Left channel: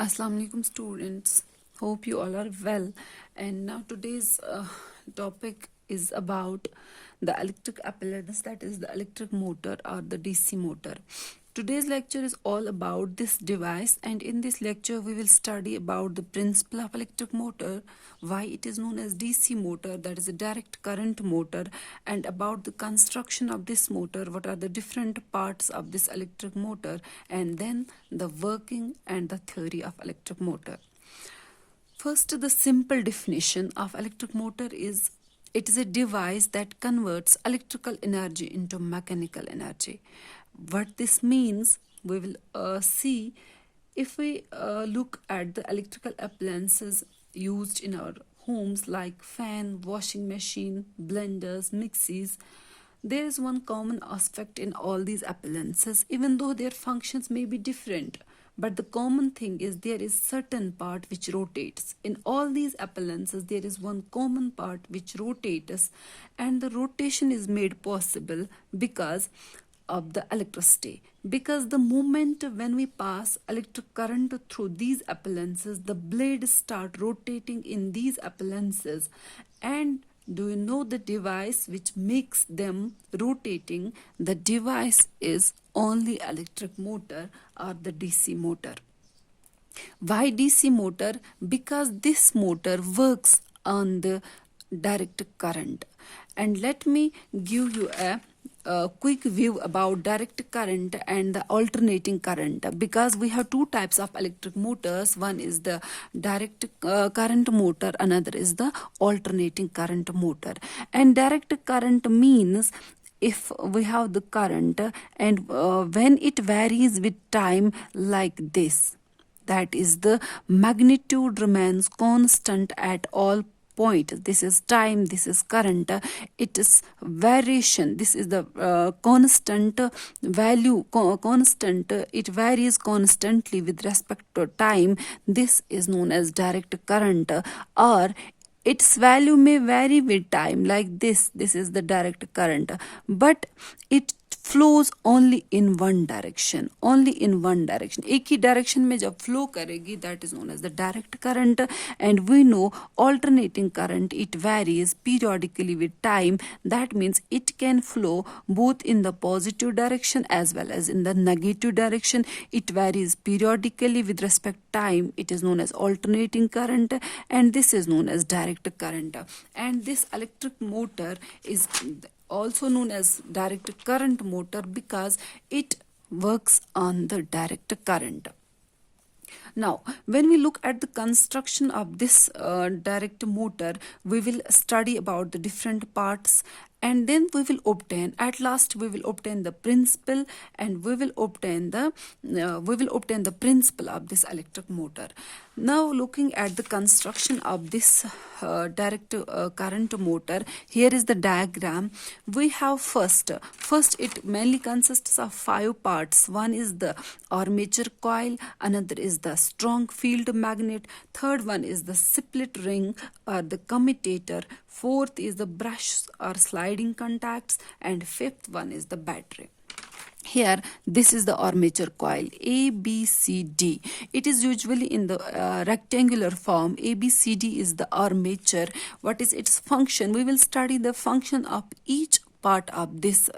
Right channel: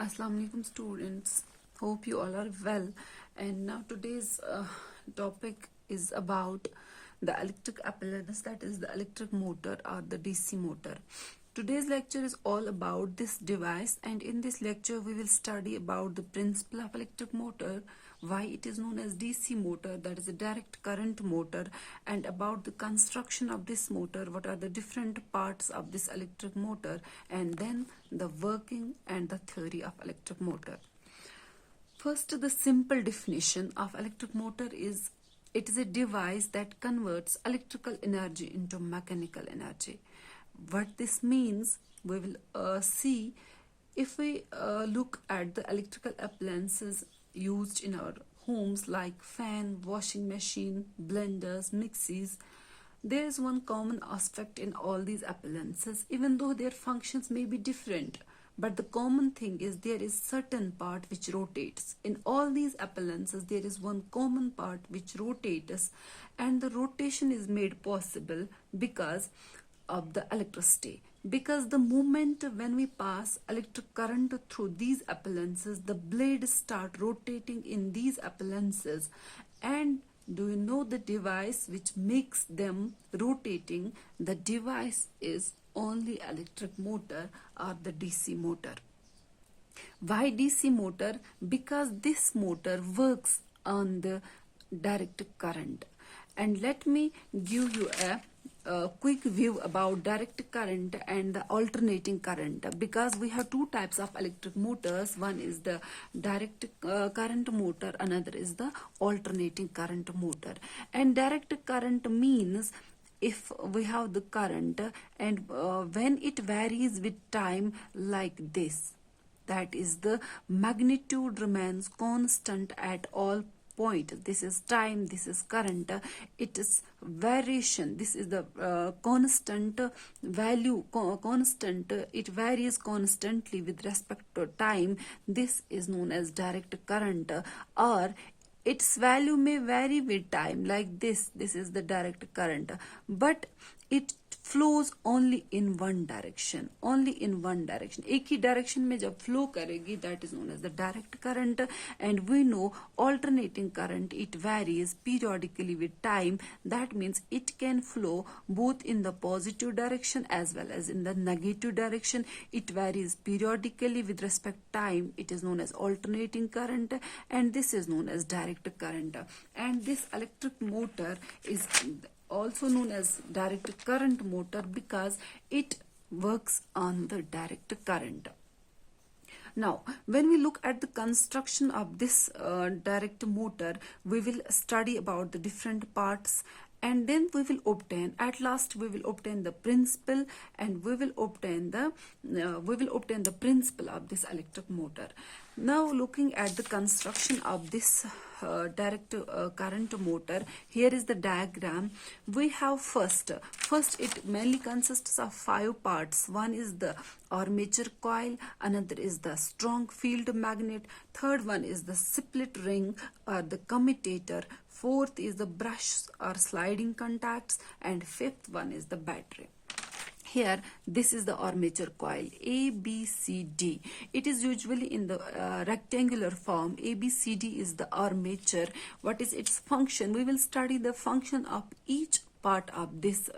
Assalamu alaikum students. Hope you all are well. And now today's topic is about the electric apparatus, that is the electric motor or the DC motor. Today's lecture is all about this device, and in this lecture we will study about the principle of electric motor, why it is known as DC motor, that is a direct current motor, and about the construction of this motor, what are the different parts of this electric motor, and then the working and the theory of electric motor. First, the simple definition of electric motor is it is a device that converts electrical energy into mechanical energy. What this means, we will see if we look at the electrical appliances used in our homes like fan, washing machine, blenders, mixies. There is one common aspect in all these appliances, even though their functions may be different. But the common thing is there is certain part which rotates. In all these appliances, there is one common part which rotates, and the rotation is made possible because of the electricity. Because the moment when we pass electric current through these appliances, the blades start rotating in these appliances. And do you know the device which makes them rotating? The device is only electric motor or the DC motor. Why DC motor? Because this motor works on the direct current. And let me give you a quick view about direct current and the alternating current, because we have two types of electric motors. One is the direct current motor, another is the alternating current motor. And direct current means if we have the current and when it varies with time like this, that is the magnitude remains constant at all point. This is time, this is current, it is variation, this is the constant value, constant, it varies constantly with respect to time. This is known as direct current, or its value may vary with time like this is the direct current, but it flows only in one direction, only in one direction. एक ही direction में जब flow करेगी, that is known as the direct current. And we know alternating current, it varies periodically with time. That means it can flow both in the positive direction as well as in the negative direction. It varies periodically with respect to time. It is known as alternating current, and this is known as direct current. And this electric motor is also known as direct current motor because it works on the direct current. Now, when we look at the construction of this direct motor, we will study about the different parts, and then we will obtain, at last we will obtain the principle, and we will obtain the principle of this electric motor. Now, looking at the construction of this direct current motor, here is the diagram. We have first it mainly consists of 5 parts. One is the armature coil, another is the strong field magnet, third one is the split ring or the commutator, fourth is the brush or sliding contacts, and fifth one is the battery. Here, this is the armature coil, A, B, C, D. It is usually in the rectangular form. A, B, C, D is the armature. What is its function? We will study the function of each part of this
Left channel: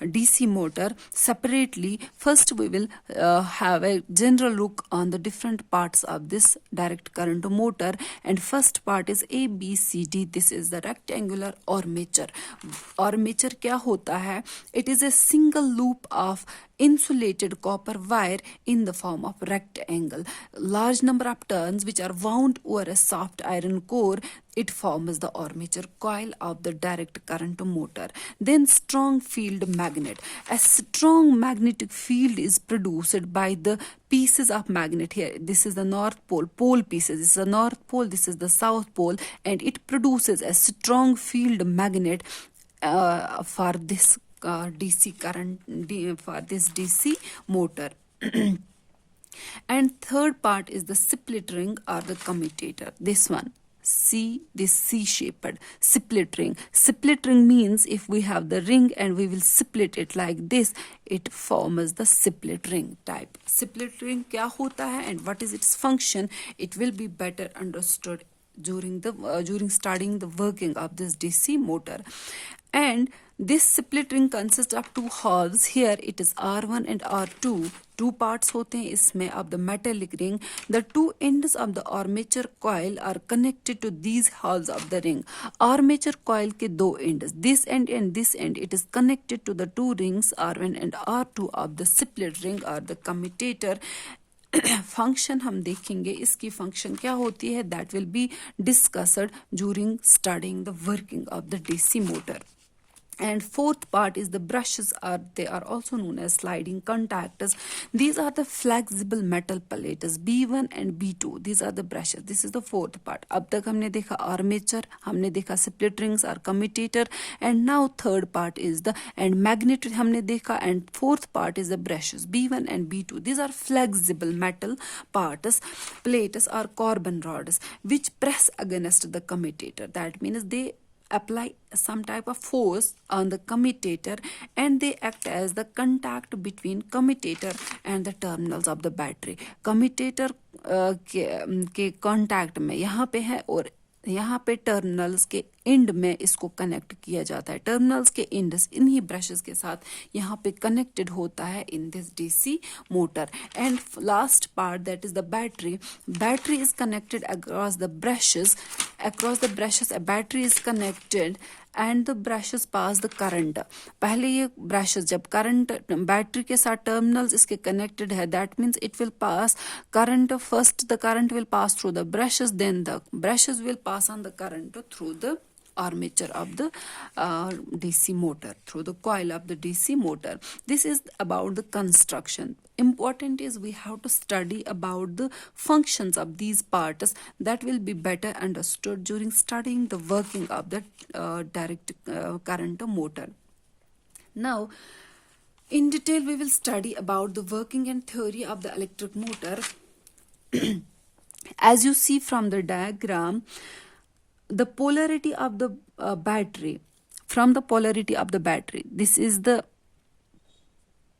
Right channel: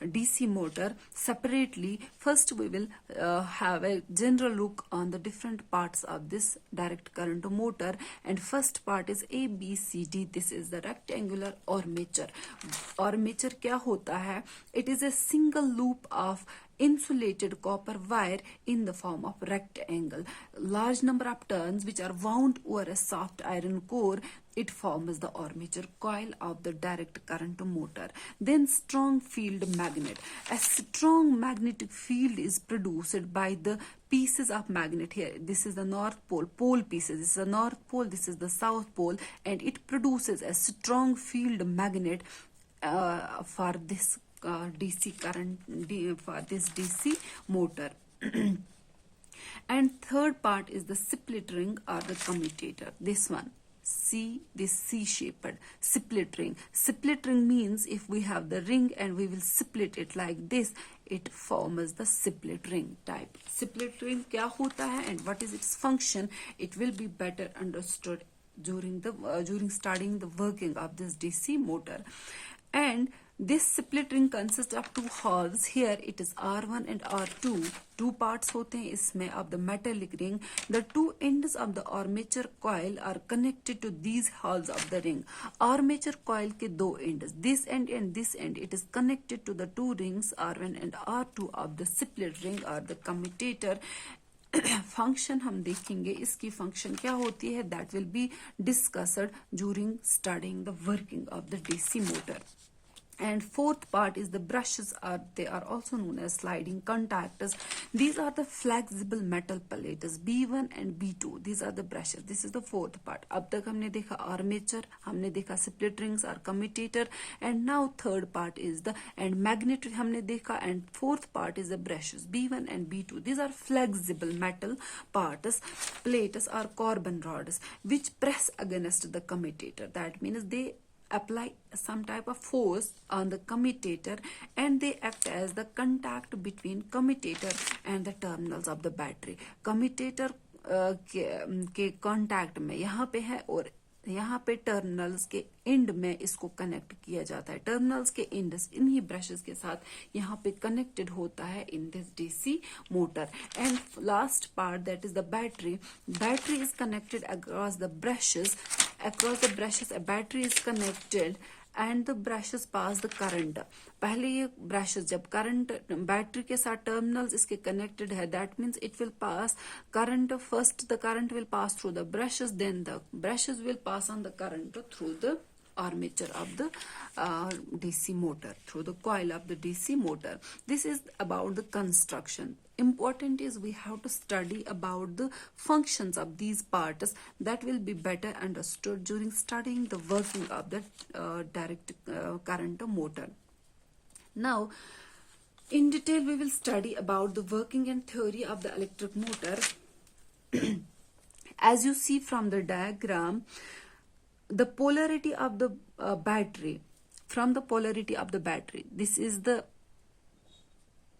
DC motor separately. First, we will have a general look on the different parts of this direct current motor. And first part is A, B, C, D. This is the rectangular armature. Armature क्या होता है? It is a single loop of insulated copper wire in the form of rectangle. Large number of turns which are wound over a soft iron core, it forms the armature coil of the direct current motor. Then strong field magnet. A strong magnetic field is produced by the pieces of magnet here. This is the north pole pieces. This is the north pole, this is the south pole, and it produces a strong field magnet for this DC current, for this DC motor. And third part is the split ring or the commutator, this one. See this C-shaped split ring. Split ring means if we have the ring and we will split it like this, it forms the split ring type. Split ring क्या होता है and what is its function? It will be better understood during studying the working of this DC motor. And this split ring consists of two halves. Here it is R1 and R2. Two parts होते हैं इसमें of the metallic ring. The two ends of the armature coil are connected to these halves of the ring. Armature coil के दो ends, this end and this end, it is connected to the two rings R1 and R2 of the split ring or the commutator. Function हम देखेंगे इसकी function क्या होती है, that will be discussed during studying the working of the DC motor. And fourth part is the brushes they are also known as sliding contactors. These are the flexible metal plates B1 and B2. These are the brushes. This is the fourth part. अब तक हमने देखा armature, हमने देखा split rings or commutator, and now third part is the and magnet हमने देखा, and fourth part is the brushes B1 and B2. These are flexible metal parts, plates or carbon rods which press against the commutator. That means they apply some type of force on the commutator and they act as the contact between commutator and the terminals of the battery. Commutator के contact में यहाँ पे है और यहाँ पे terminals के and में इसको कनेक्ट किया जाता है. टर्मिनल्स के एंड्स इन्हीं ब्रशेस के साथ यहाँ पे कनेक्टेड होता है in this DC motor. And last part that is the battery. Battery is connected across the brushes. Across the brushes a battery is connected and the brushes pass the current. पहले ये brushes जब current battery के साथ terminals इसके connected है, that means it will pass current. First the current will pass through the brushes, then the brushes will pass on the current through the armature of the DC motor, through the coil of the DC motor. This is about the construction. Important is we have to study about the functions of these parts that will be better understood during studying the working of the direct current motor. Now in detail we will study about the working and theory of the electric motor. As you see from the diagram, the polarity of the battery, from the polarity of the battery, this is the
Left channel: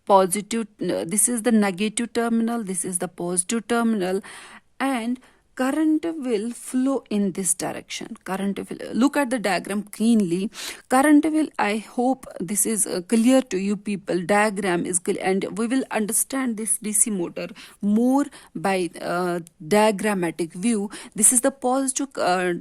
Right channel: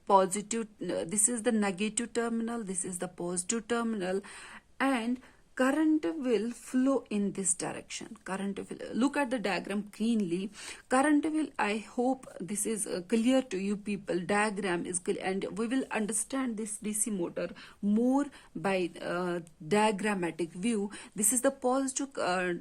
positive, this is the negative terminal, this is the positive terminal, and current will flow in this direction. Current will, look at the diagram keenly. Current will, I hope this is clear to you people. Diagram is clear and we will understand this DC motor more by diagrammatic view. This is the positive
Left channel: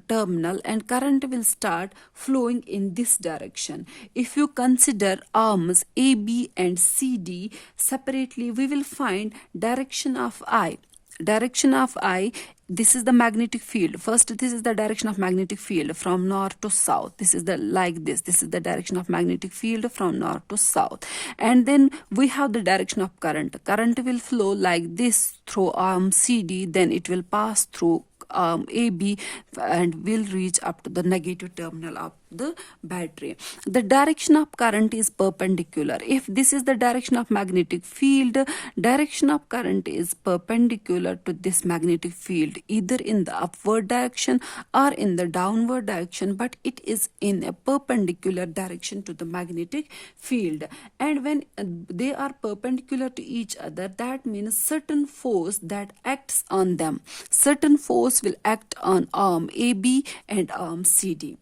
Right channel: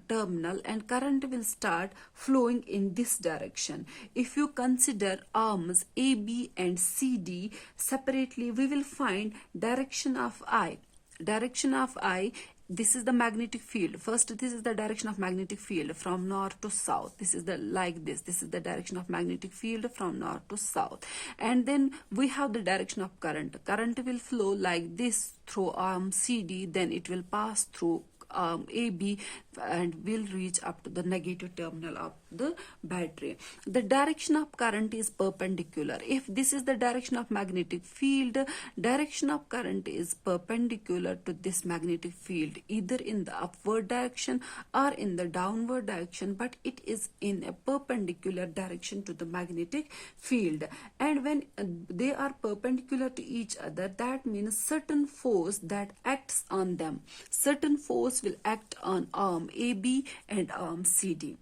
terminal and current will start flowing in this direction. If you consider arms A, B and C, D separately, we will find direction of I. Direction of I, this is the magnetic field. First, this is the direction of magnetic field from north to south. This is the like this. This is the direction of magnetic field from north to south. And then we have the direction of current. Current will flow like this through arm CD. Then it will pass through AB and will reach up to the negative terminal of the battery. The direction of current is perpendicular. If this is the direction of magnetic field, direction of current is perpendicular to this magnetic field, either in the upward direction or in the downward direction, but it is in a perpendicular direction to the magnetic field. And when they are perpendicular to each other, that means certain force that acts on them. Certain force will act on arm AB and arm CD.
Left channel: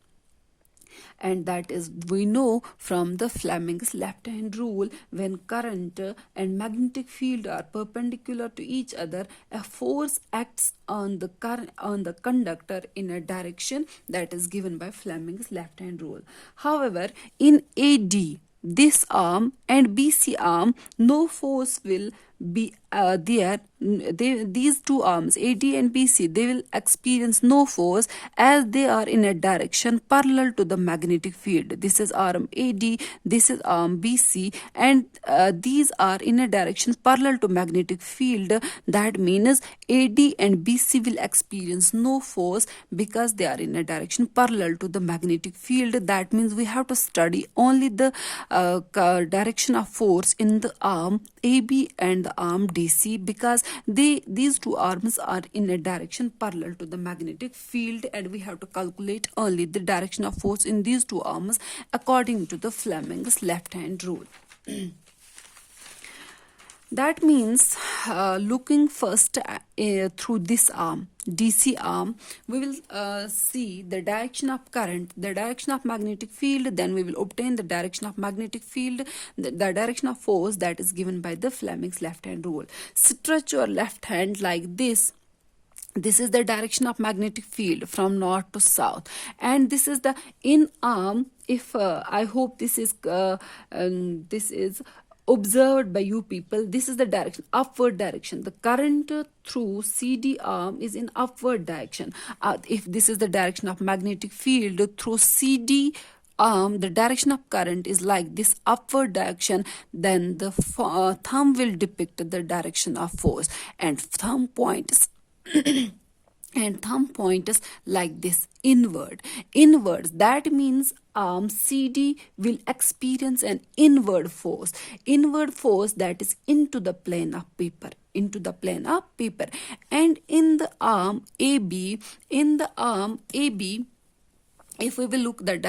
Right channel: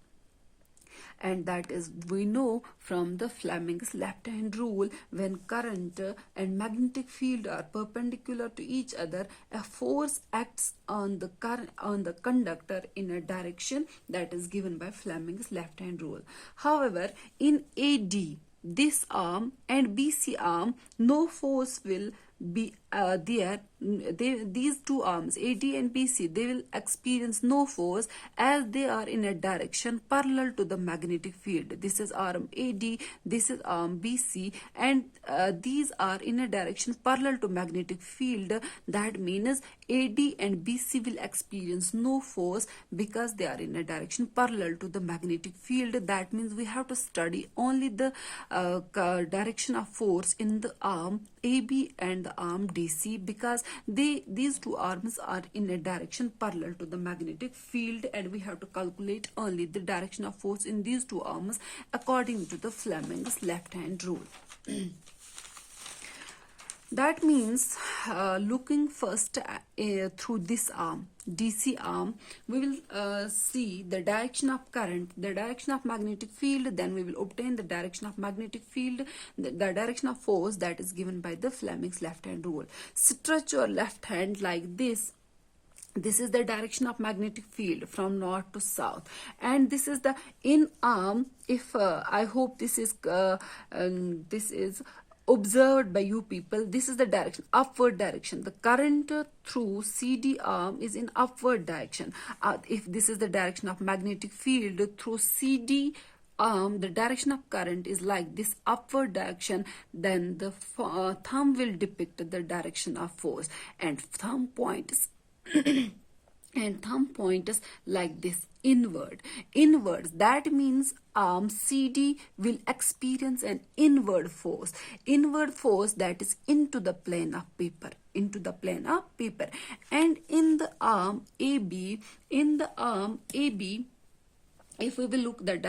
And that is, we know from the Fleming's left hand rule, when current and magnetic field are perpendicular to each other, a force acts on the conductor in a direction that is given by Fleming's left hand rule. However, in AD, this arm and BC arm, no force will be there. These two arms AD and BC, they will experience no force as they are in a direction parallel to the magnetic field. This is arm AD, this is arm BC, and these are in a direction parallel to magnetic field. That means AD and BC will experience no force because they are in a direction parallel to the magnetic field. That means we have to study only the direction of force in the arm AB and the arm DC, because these two arms are in a direction parallel to the magnetic field, and we have to calculate only the direction of force in these two arms according to the Fleming's left hand rule. That means looking first through this arm, DC arm, we will see the direction of current, the direction of magnetic field, then we will obtain the direction of magnetic field, the direction of force that is given by the Fleming's left hand rule. Stretch your left hand like this. This is the direction of magnetic field from north to south, and this is the in arm. If I hope this is observed by you people, this is the direction, upward direction. The current through CD arm is in upward direction. If this is the direction of magnetic field through CD arm, the direction of current is like this, upward direction, then the thumb will depict the direction of force, and thumb points and thumb points like this, inwards. That means arm CD will experience an inward force that is into the plane of paper, and in the arm AB, if we will look at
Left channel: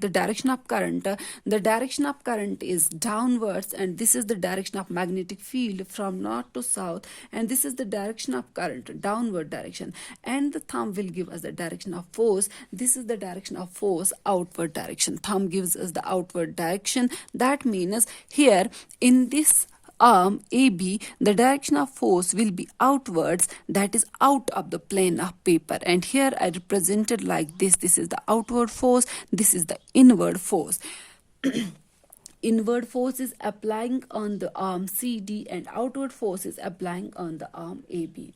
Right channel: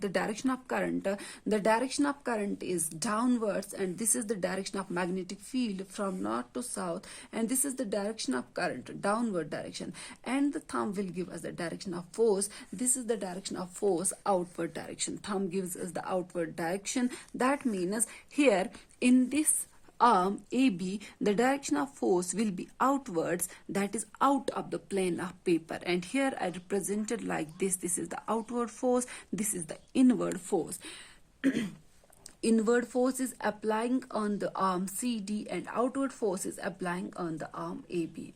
the direction of current, the direction of current is downwards, and this is the direction of magnetic field from north to south, and this is the direction of current, downward direction, and the thumb will give us the direction of force. This is the direction of force, outward direction. Thumb gives us the outward direction. That means here in this arm AB, the direction of force will be outwards, that is out of the plane of paper, and here I represented like this. This is the outward force, this is the inward force. Inward force is applying on the arm CD, and outward force is applying on the arm AB.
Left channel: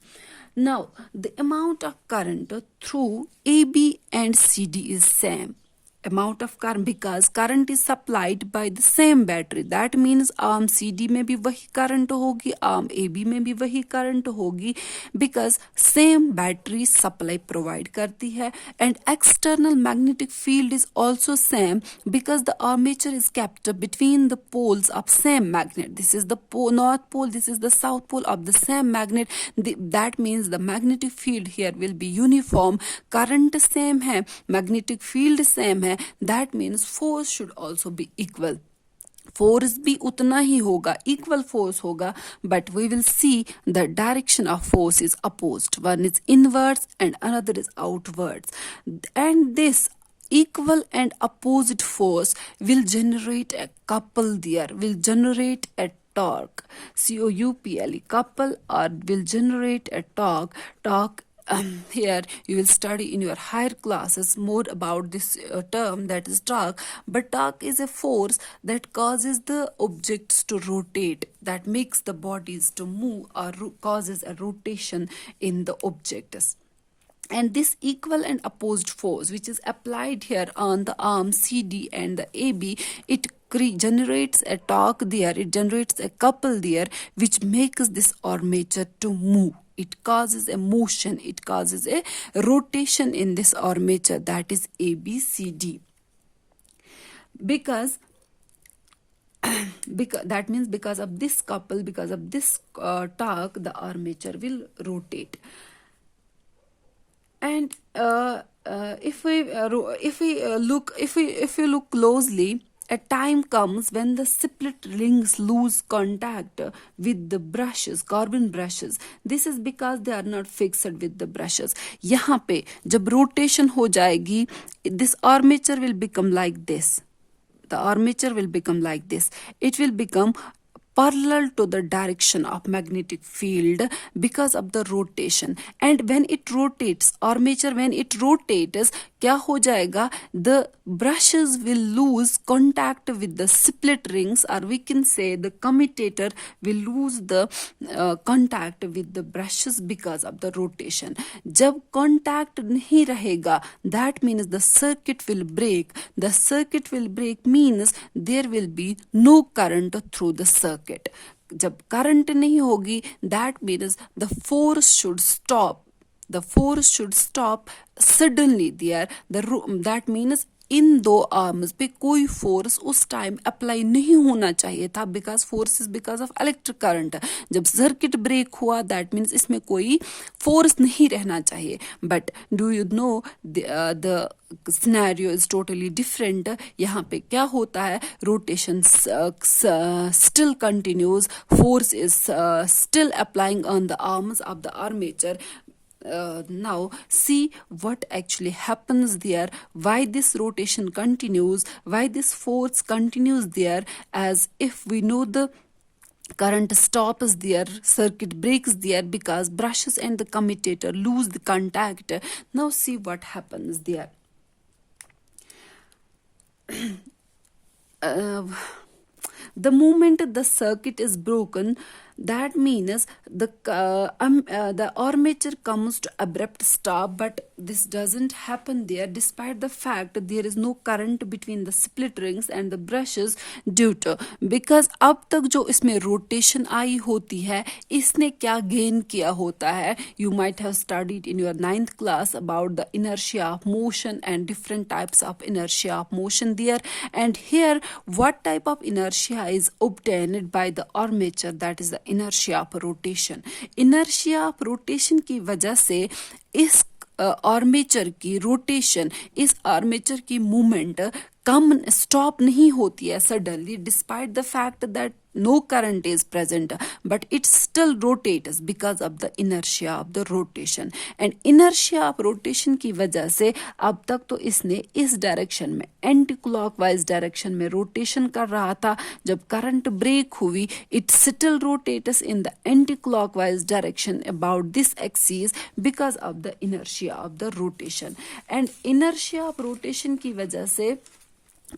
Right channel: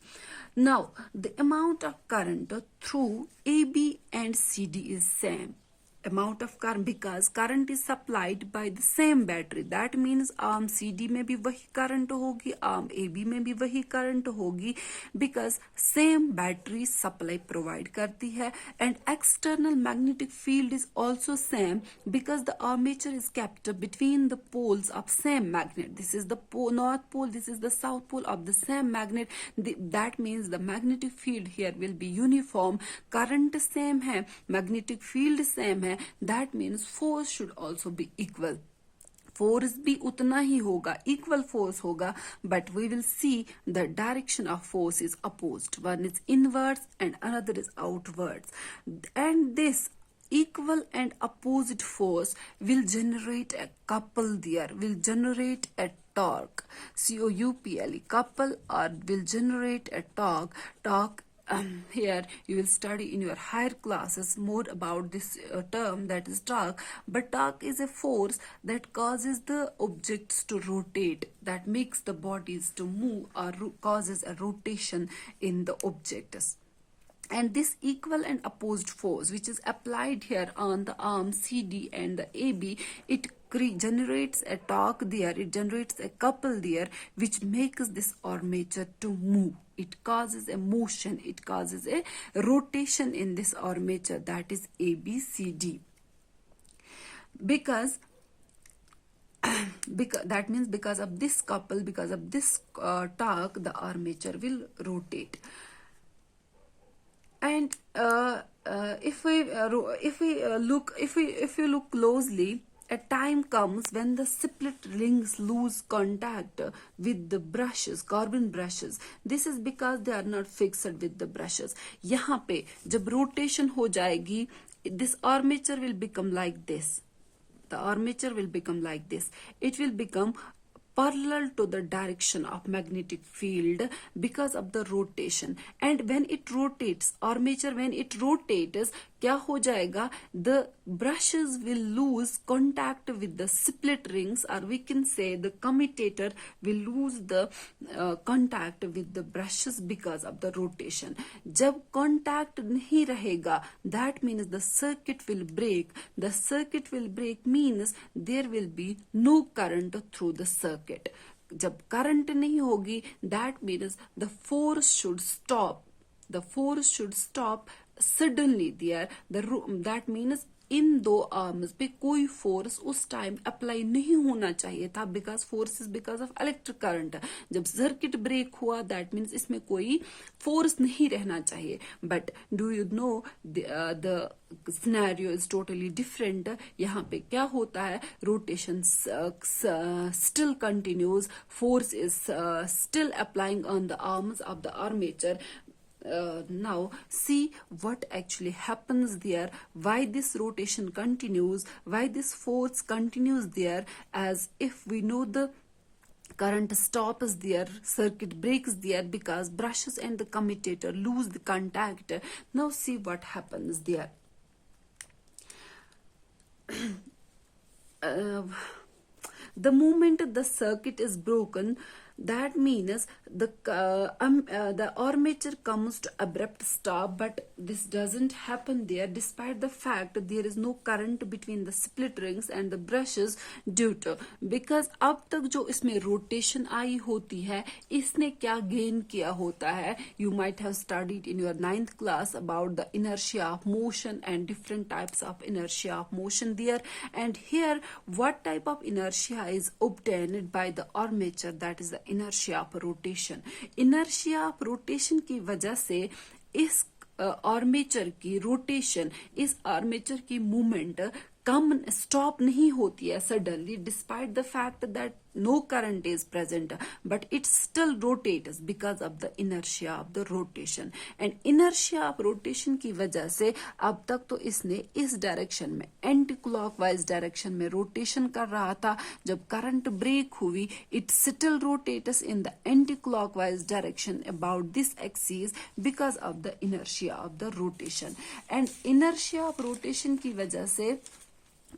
Now the amount of current through AB and CD is same amount of current, because current is supplied by the same battery. That means arm CD में भी वही current होगी, arm AB में भी वही current होगी, because same battery supply provide करती है, and external magnetic field is also same, because the armature is kept between the poles of same magnet. This is the north pole, this is the south pole of the same magnet. That means the magnetic field here will be uniform. Current same है, magnetic field same है, that means force should also be equal. Force भी उतना ही होगा, equal force होगा, but we will see the direction of force is opposed. One is inwards and another is outwards, and this equal and opposite force will generate a couple there, will generate a torque, couple, couple, or will generate a torque. Here you will study in your higher classes more about this term, that is torque. But torque is a force that causes the objects to rotate, that makes the bodies to move, or causes a rotation in the objects. And this equal and opposed force which is applied here on the arm CD and the AB, it generates a torque there, it generates a couple there, which makes this armature to move. It causes a motion, it causes a rotation in this armature, that is ABCD. Because that means because of this couple, because of this torque, the armature will rotate. And if you look closely, a time comes when the split rings lose contact with the brushes, carbon brushes. This is because they are not fixed with the brushes. यहाँ पे जब rotation हो जाएगी, this armature will become like this. The armature will become like this. It will become parallel to the direction of magnetic field because of the rotation. And when it rotates, armature, when it rotates, क्या हो जाएगा? The brushes will lose contact with the split rings, or we can say the commutator will lose the contact with the brushes because of the rotation. जब contact नहीं रहेगा, that means the circuit will break. The circuit will break means there will be no current through the circuit. जब current नहीं होगी, that means the force should stop. The force should stop suddenly there. That means इन दो arms पे कोई force उस time apply नहीं होना चाहिए था, because force is because of electric current. जब सर्किट ब्रेक हुआ दैट मीन्स इसमें कोई फोर्स नहीं रहना चाहिए. But do you know the scenario is totally different. यहाँ पे क्या होता है, rotation still continues, force is still applying on the arms of the armature. Now see what actually happens there, why this rotation continues, why this force continues there, as if we know the current stops there, circuit breaks there because brushes and the commutator lose the contact. Now see what happens there. The moment the circuit is broken, that means the armature comes to abrupt stop, but this doesn't happen there despite the fact there is no current between the split rings and the brushes due to, because अब तक जो इसमें rotation आई होती है इसने क्या gain किया होता है. You might have studied in your 9th class about the inertia of motion and different types of inertia of motion there, and here what type of inertia is obtained by the armature, that is the inertia of rotation. Inertia of rotation की वजह से इस armature की rotation, इस armature की movement कम stop नहीं होती है suddenly, despite the fact that no current is present, but it still rotates because of the inertia of the rotation. and inertia of rotation की वजह से अब तक तो इसने इस डायरेक्शन में एंटी क्लॉकवाइज डायरेक्शन में रोटेशन कर रहा था. जब करंट ब्रेक हुई it still rotates in the anti clockwise direction about this axis because of the inertia of the rotation. and inertia of rotation की वजह से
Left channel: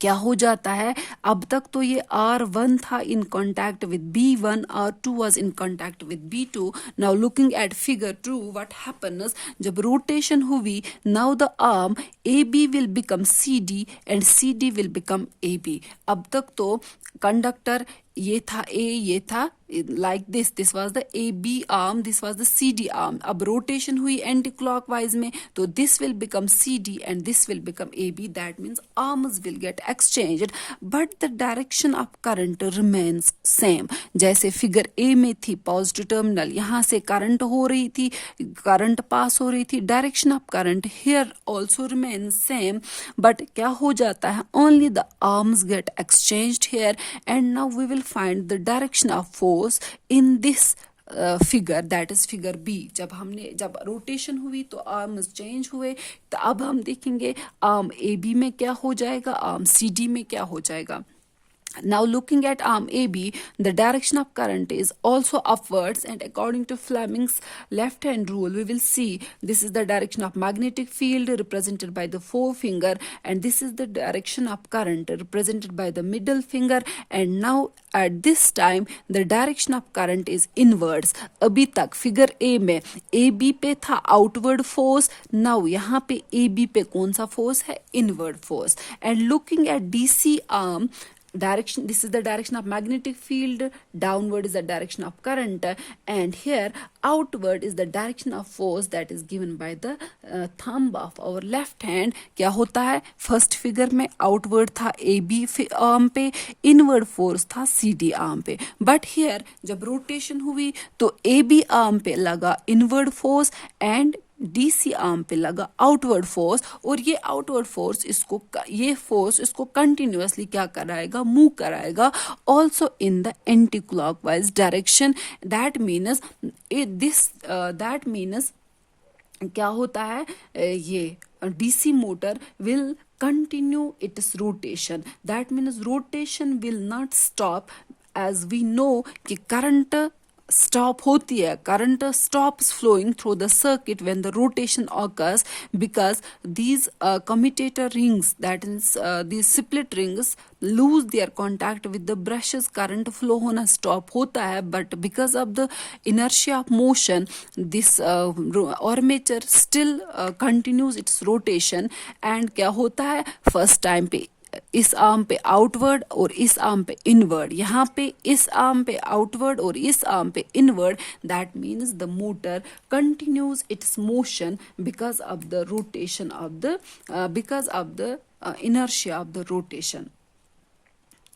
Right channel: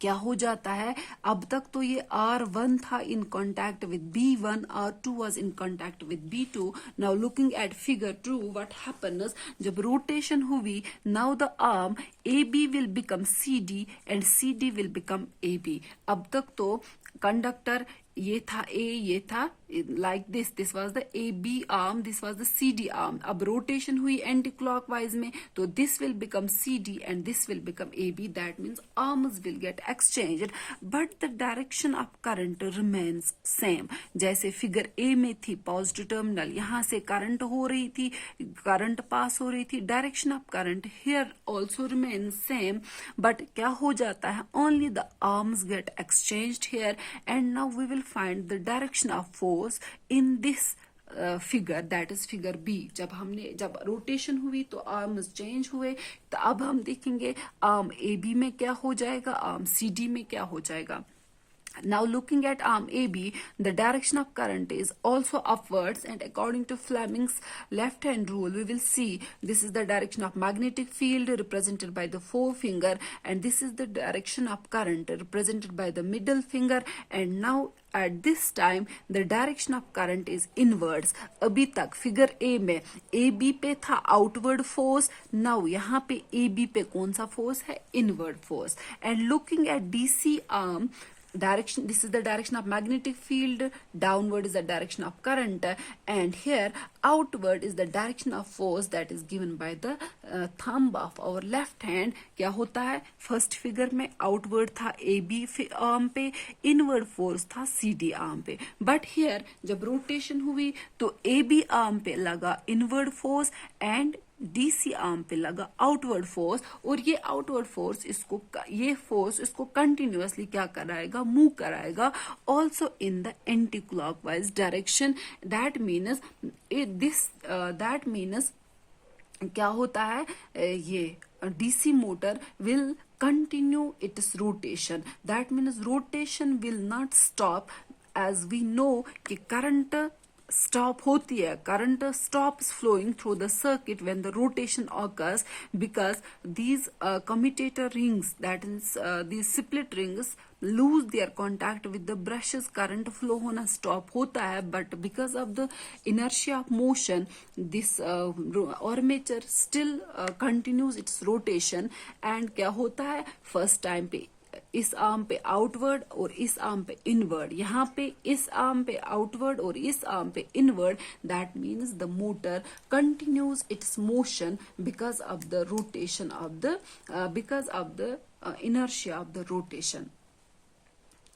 क्या हो जाता है, अब तक तो ये R1 था in contact with B1, R2 was in contact with B2. Now looking at figure 2 what happens, जब रोटेशन हुई now the arm AB will become CD and CD will become AB. अब तक तो कंडक्टर ये था A, ये था like this was the AB arm, this was the CD arm. अब रोटेशन हुई एंटी क्लॉकवाइज में तो this will become CD and this will become AB. that means arms will get exchanged but the direction of current remains same. जैसे figure A में थी positive terminal, यहाँ से current हो रही थी, करंट पास हो रही थी, direction of current here also remains same, but क्या हो जाता है, only the arms get exchanged here and now we will find the direction of force in this figure, that is figure B. जब rotation हुई तो arms change हुए, तो अब हम देखेंगे आर्म AB में क्या हो जाएगा, आर्म CD में क्या हो जाएगा. Now looking at arm AB, the direction of current is also upwards, and according to Fleming's left hand rule we will see this is the direction of magnetic field represented by the forefinger, and this is the direction of current represented by the middle finger. and now at this time the direction of current is inwards. अभी तक figure A में AB पे था outward force, now यहाँ पे AB पे कौन सा फोर्स है, inward force. and looking at DC arm direction, this is the direction of magnetic field, downward is the direction of current, and here outward is the direction of force that is given by the thumb of our left hand. क्या होता है, first figure में outward था AB arm पे, inward force था CD arm पे, but here जब rotation हुई तो AB आर्म पे लगा inward force and DC arm पे लगा आउटवर्ड फोर्स, और ये आउटवर्ड फोर्स इसको कंटिन्यूअसली क्या कराएगा, मूव कराएगा also in the anti clockwise direction. That means क्या होता है, ये DC motor will continue its rotation. That means rotation will not stop, as we know कि current stop होती है, current stops flowing through the circuit when the rotation occurs, because these commutator rings, that is these split rings lose their contact with the brushes, current flow होना stop होता है, but because of the inertia of motion this armature still continues its rotation. and क्या होता है, first time पे इस arm पे outward और इस आर्म पे इनवर्ड, यहाँ पे इस आर्म पे आउटवर्ड और इस आर्म पे inward. That means the motor continues it's motion because of the rotation of the inertia of the rotation,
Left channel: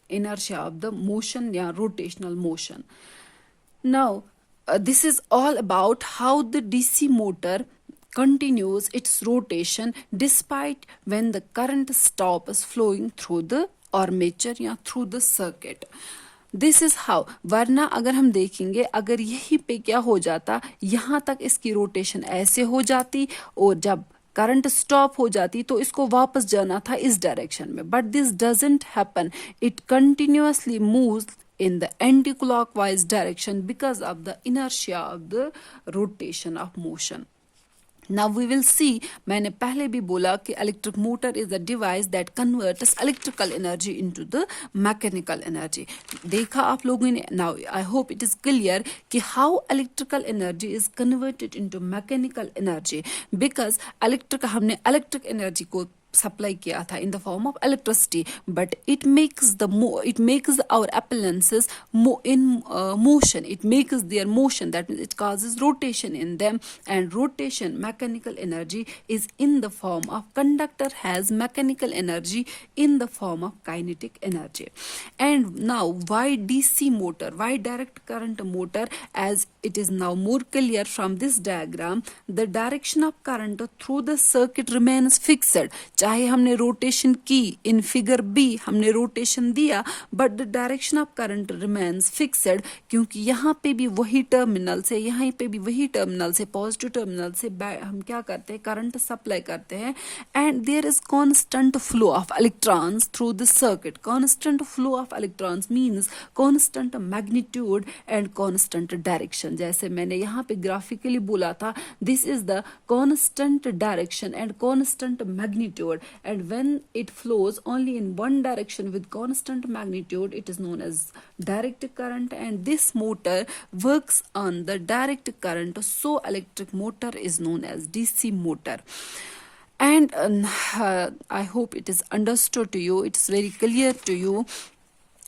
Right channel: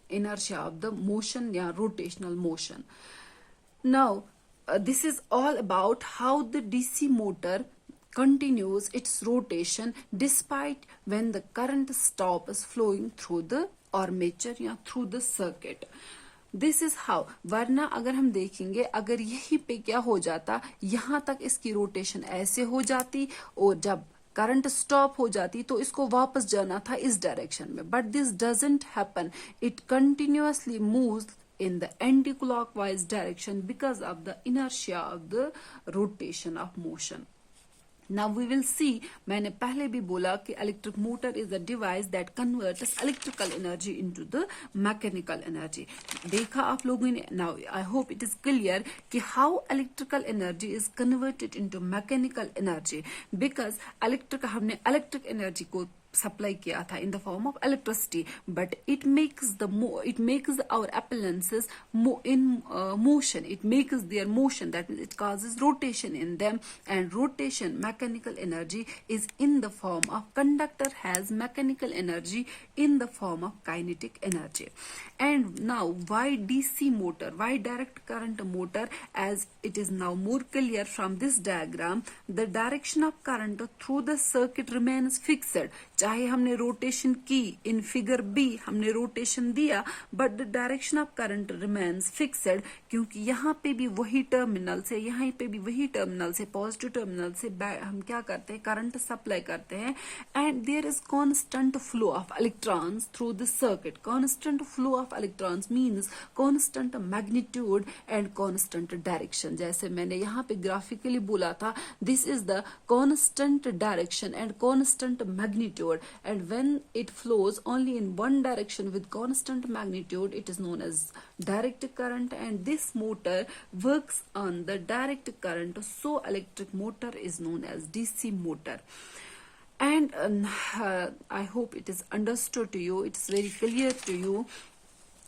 inertia of the motion, yeah, rotational motion. Now, this is all about how the DC motor continues its rotation despite when the current stops flowing through the armature या through the circuit. This is how, वरना अगर हम देखेंगे अगर यही पे क्या हो जाता, यहाँ तक इसकी रोटेशन ऐसे हो जाती और जब करंट स्टॉप हो जाती तो इसको वापस जाना था इस डायरेक्शन में, but this doesn't happen, it continuously moves in the anti-clockwise direction because of the inertia of the rotation of motion. Now we will see, मैंने पहले भी बोला कि electric motor is a device that converts electrical energy into the mechanical energy. देखा आप लोगों ने. Now I hope it is clear कि how electrical energy is converted into mechanical energy, because हमने electric energy को supply किया था in the form of electricity, but it makes our appliances in motion, it makes their motion, that means it causes rotation in them, and rotation, mechanical energy, is in the form of conductor has mechanical energy in the form of kinetic energy. And now why DC motor, why direct current motor, as it is now more clear from this diagram, the direction of current through the circuit remains fixed. चाहे हमने rotation की, in figure B हमने rotation दिया, but the direction of current remains fixed, क्योंकि यहाँ पे भी वही टर्मिनल से, यहाँ पे भी वही टर्मिनल से, पॉजिटिव टर्मिनल से हम क्या करते हैं, करंट सप्लाई करते हैं, and there is constant flow of electrons through the circuit. Constant flow of electrons means constant magnitude and constant direction. जैसे मैंने यहाँ पे ग्राफिकली बोला था, this is the constant direction and constant magnitude, and when it flows only in one direction with constant magnitude, it is known as direct current, and this motor works on the direct current, so electric motor is known as DC motor. And I hope it is understood to you, it's very clear to you,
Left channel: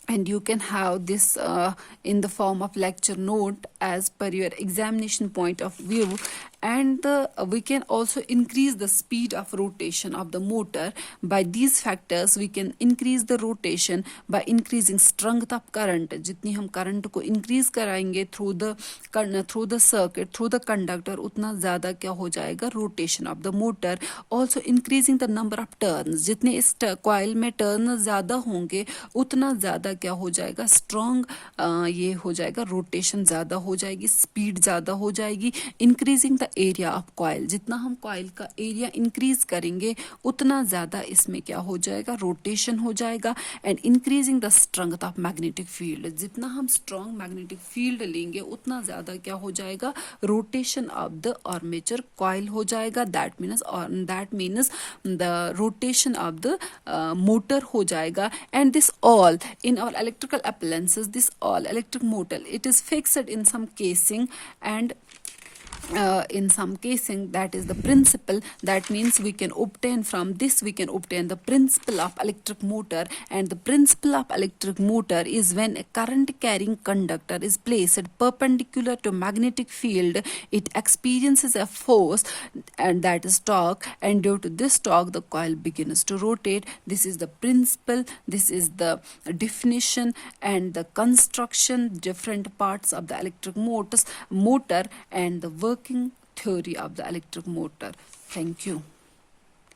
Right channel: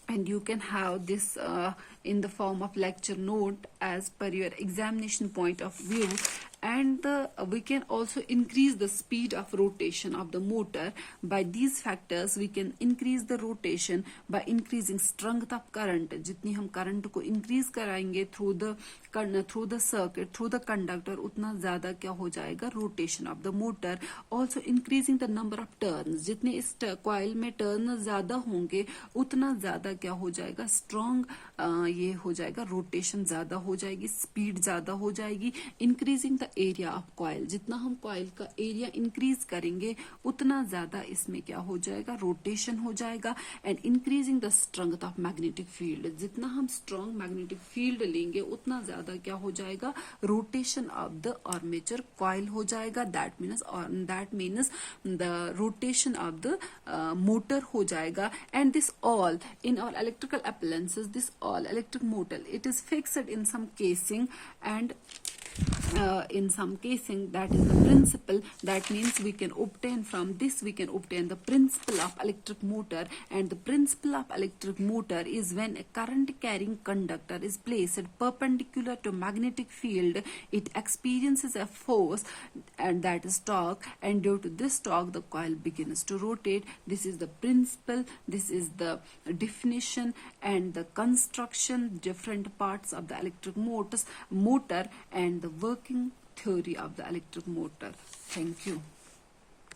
and you can have this in the form of lecture note as per your examination point of view. And we can also increase the speed of rotation of the motor. By these factors we can increase the rotation by increasing strength of current. जितनी हम current को increase कराएंगे through the circuit, through the conductor, उतना ज़्यादा क्या हो जाएगा, rotation of the motor. Also increasing the number of turns, जितने इस coil में turns ज़्यादा होंगे उतना ज़्यादा क्या हो जाएगा, strong ये हो जाएगा, rotation ज़्यादा हो जाएगी, speed ज़्यादा हो जाएगी. Increasing the area of coil, जितना हम कॉइल का एरिया इंक्रीज करेंगे उतना ज्यादा इसमें क्या हो जाएगा, रोटेशन हो जाएगा. And increasing the strength of magnetic field, जितना हम स्ट्रॉन्ग मैग्नेटिक फील्ड लेंगे उतना ज्यादा क्या हो जाएगा, rotation of the armature coil हो जाएगा. That means the rotation of the motor हो जाएगा. And this all in our electrical appliances, this all electric motor, it is fixed in some casing, and in some casing, that is the principle. That means we can obtain from this, we can obtain the principle of electric motor. And the principle of electric motor is when a current carrying conductor is placed perpendicular to magnetic field, it experiences a force, and that is torque, and due to this torque the coil begins to rotate. This is the principle, this is the definition and the construction, different parts of the electric motor, and the working theory of the electric motor. Thank you.